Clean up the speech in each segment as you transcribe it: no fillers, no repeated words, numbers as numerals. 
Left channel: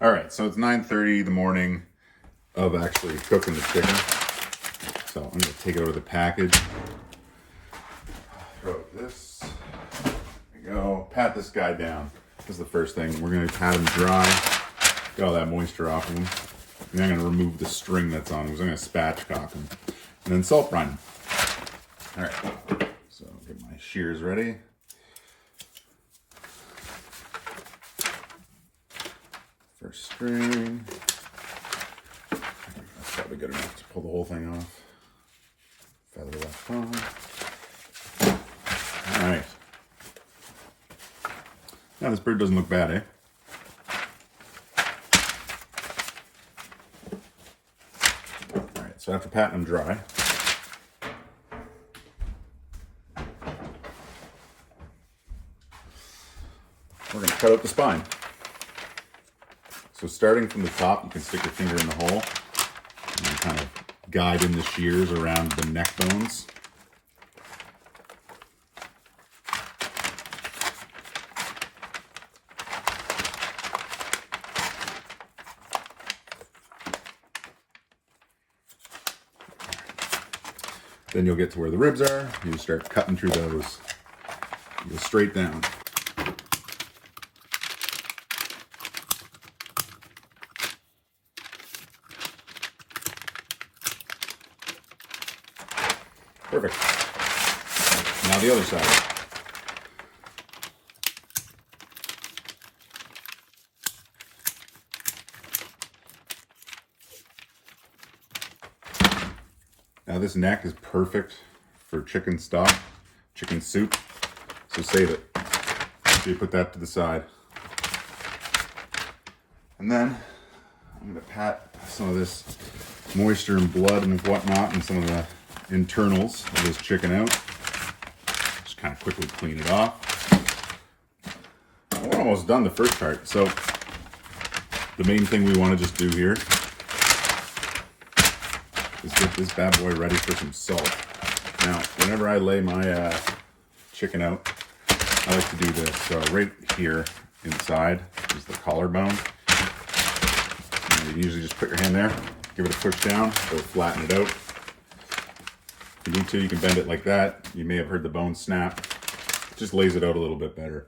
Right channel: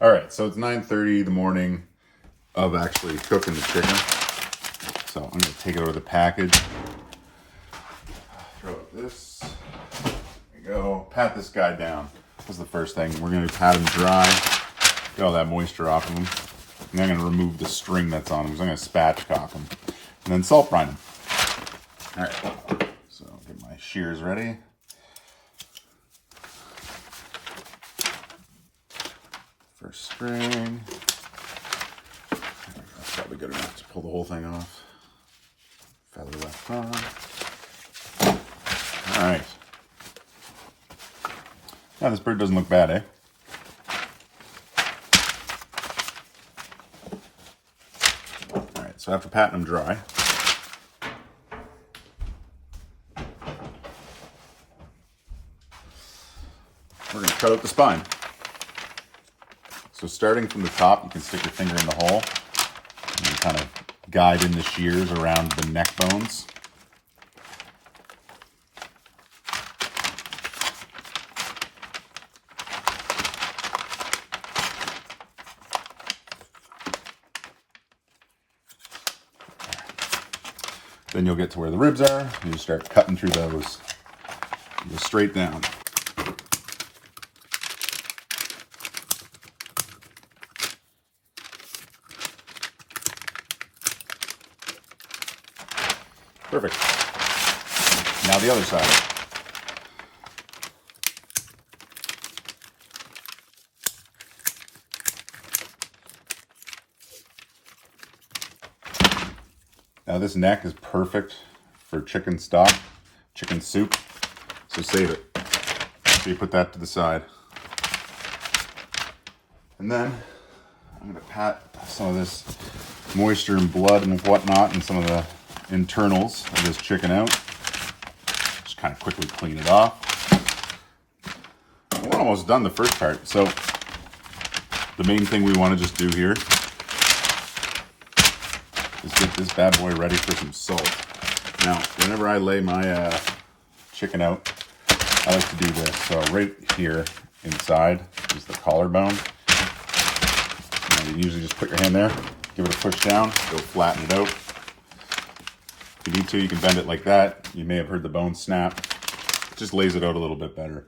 All right, so it's 9:30 the morning of actually cooking the chicken. So I'm gonna take it over the package. Throw this. There we go. Pat this guy down. This is the first thing. We're gonna pat him dry. Get all that moisture off of him. And I'm gonna remove the string that's on him. So I'm gonna spatchcock him. And then salt brine him. All right, so get my shears ready. First string. That's probably good enough to pull the whole thing off. Feather left on. All right. Now this bird doesn't look bad, eh? All right, so after patting them dry, we're gonna cut out the spine. So starting from the top, you can stick your finger in the hole and then kind of guide in the shears around the neck bones. Then you'll get to where the ribs are. You just start cutting through those. You go straight down. Perfect. Now the other side. Now this neck is perfect for chicken stock, chicken soup, so save it. So you put that to the side. And then I'm gonna pat some of this moisture and blood and whatnot and some of the internals of this chicken out. Just kind of quickly clean it off. We're almost done the first part. So the main thing we want to just do here is get this bad boy ready for some salt. Now, whenever I lay my chicken out, I like to do this. So right here inside is the collarbone. And you usually just put your hand there, give it a push down, go flatten it out. If you need to, you can bend it like that. You may have heard the bone snap. It just lays it out a little bit better.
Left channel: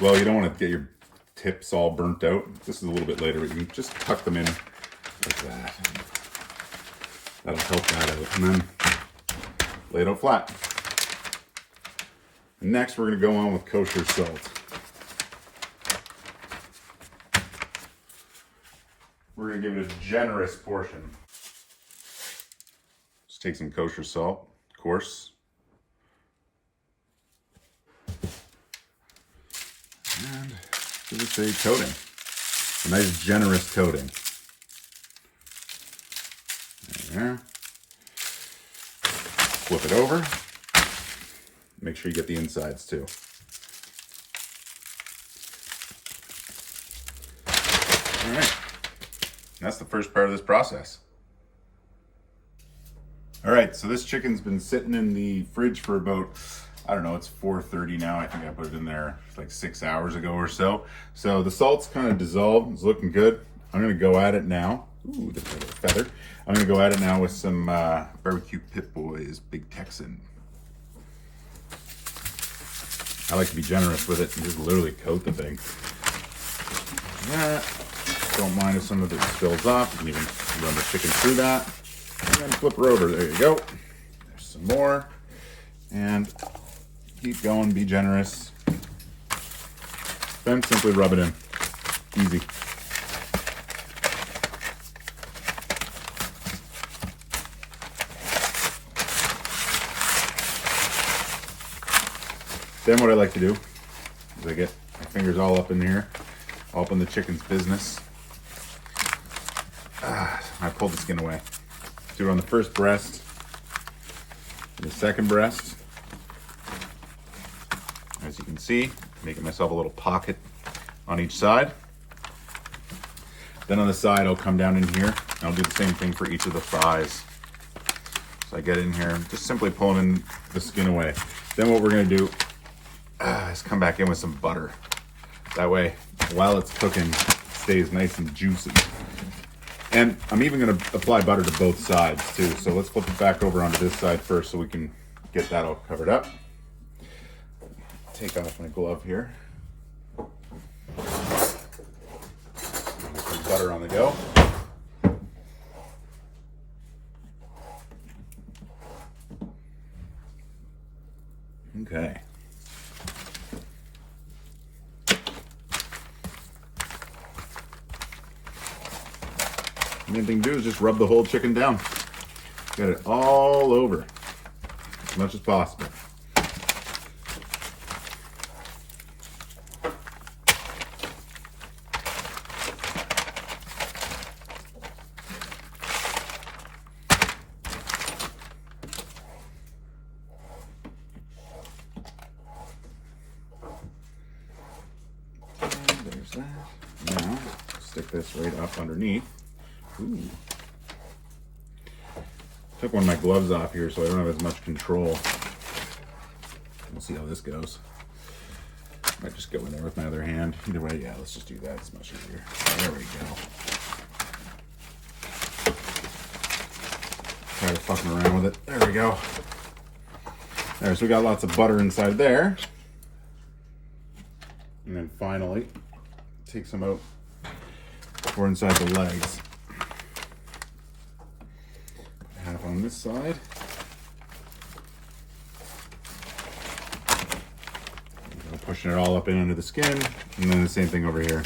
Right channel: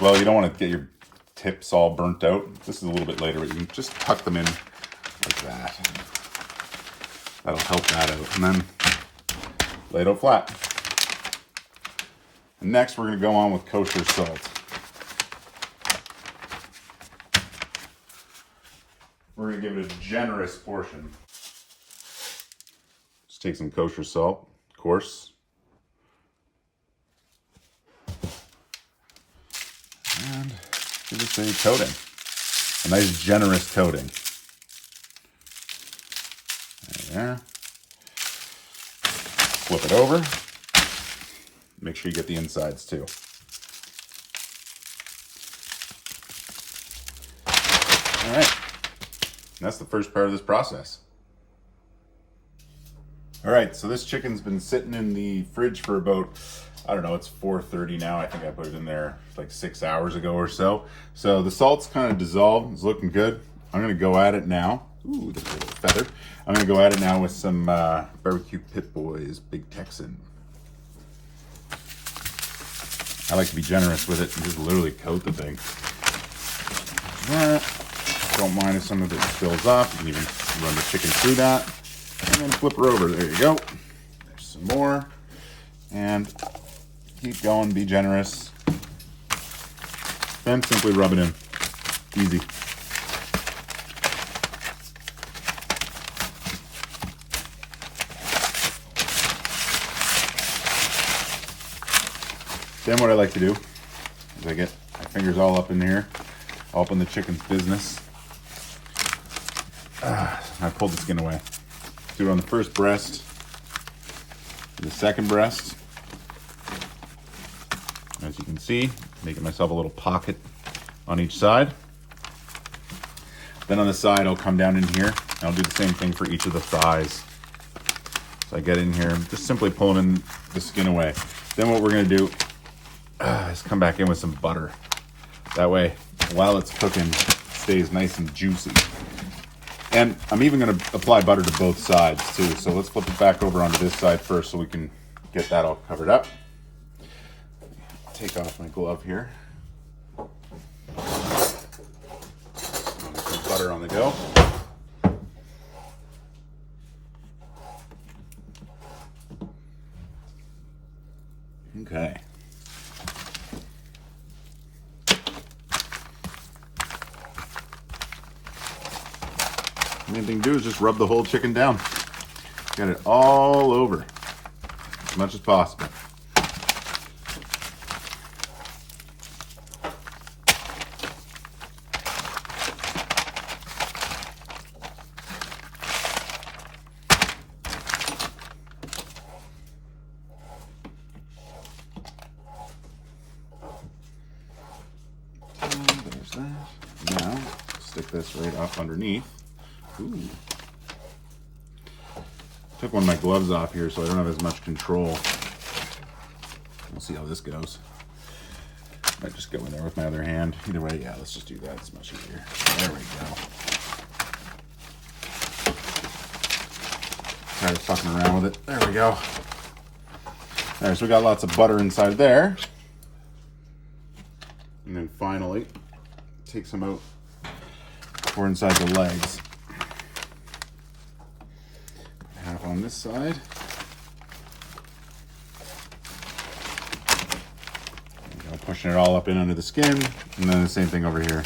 Well, you don't want to get your tips all burnt out. This is a little bit later, but you can just tuck them in like that. That'll help that out. And then lay it out flat. And next, we're going to go on with kosher salt. We're going to give it a generous portion. Just take some kosher salt, of course. And give it a coating. A nice generous coating. There. Flip it over. Make sure you get the insides too. All right. That's the first part of this process. All right, so this chicken's been sitting in the fridge for about, I don't know, it's 4:30 now. I think I put it in there like 6 hours ago or so. So the salt's kind of dissolved. It's looking good. I'm gonna go at it now. Ooh, there's a little feather. I'm gonna go at it now with some barbecue Pit Boys Big Texan. I like to be generous with it and just literally coat the thing. Yeah. Don't mind if some of it spills off. You can even run the chicken through that. And flip her over. There you go. There's some more. And keep going. Be generous. Then simply rub it in. Easy. Then what I like to do is I get my fingers all up in here, all up in the chicken's business. I pull the skin away. Do it on the first breast, the second breast. As you can see, making myself a little pocket on each side. Then on the side, I'll come down in here, and I'll do the same thing for each of the thighs. So I get in here and just simply pulling in the skin away. Then what we're gonna do is come back in with some butter. That way, while it's cooking, stays nice and juicy. And I'm even going to apply butter to both sides too. So let's flip it back over onto this side first so we can get that all covered up. Take off my glove here. Some butter on the go. Okay. Main thing to do is just rub the whole chicken down. Get it all over as much as possible. And there's that. Now, stick this right up underneath. Ooh. Took one of my gloves off here so I don't have as much control. We'll see how this goes. Might just go in there with my other hand. Either way, yeah, let's just do that. It's much easier. There we go. Tired of fucking around with it. There we go. Alright, so we got lots of butter inside there. And then finally, take some out for inside the legs. Half on this side. And pushing it all up in under the skin, and then the same thing over here.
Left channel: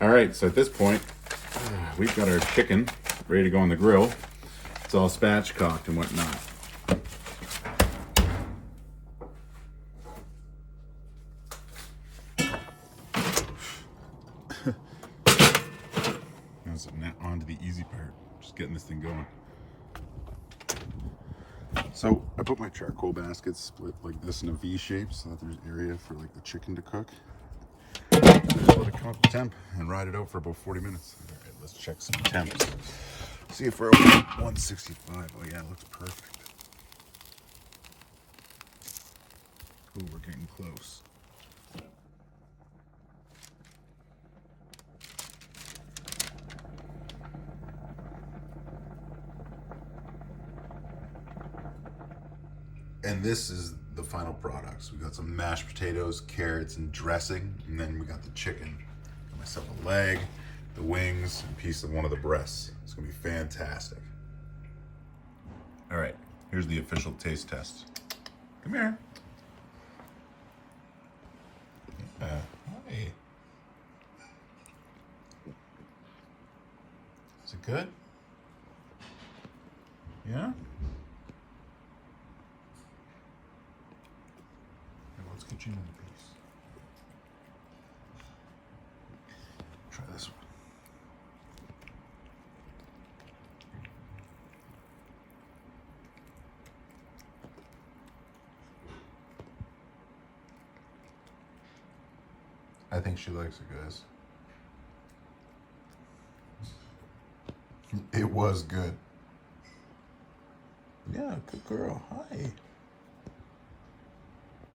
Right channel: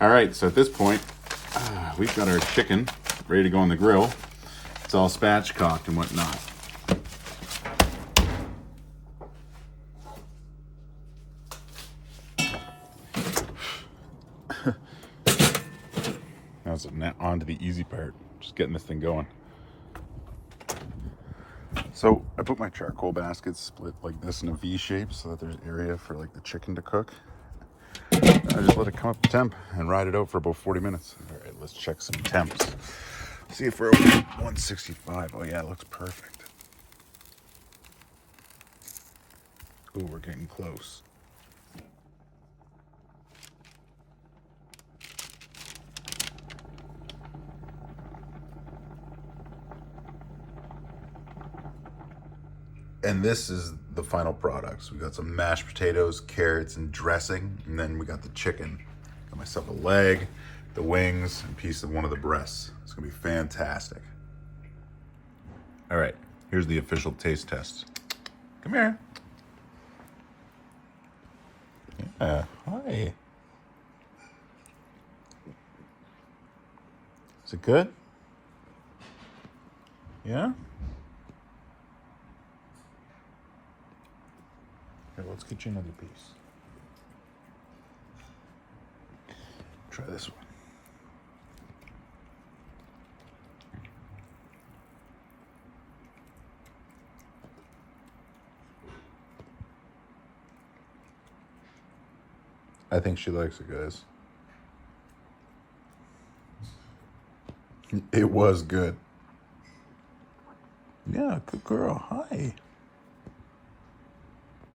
All right, so at this point, we've got our chicken ready to go on the grill. It's all spatchcocked and whatnot. Now on to the easy part, just getting this thing going. So I put my charcoal basket split like this in a V shape so that there's area for like the chicken to cook. I just let it come up to temp and ride it out for about 40 minutes. All right, let's check some temps. See if we're over 165. Oh yeah, it looks perfect. Ooh, we're getting close. And this is the final products. We got some mashed potatoes, carrots, and dressing, and then we got the chicken. Got myself a leg, the wings, and a piece of one of the breasts. It's gonna be fantastic. All right, here's the official taste test. Come here. Yeah, hi. Is it good? Yeah? Okay, let's get you another piece. Try this one. I think she likes it, guys. It was good. Yeah, good girl. Hi.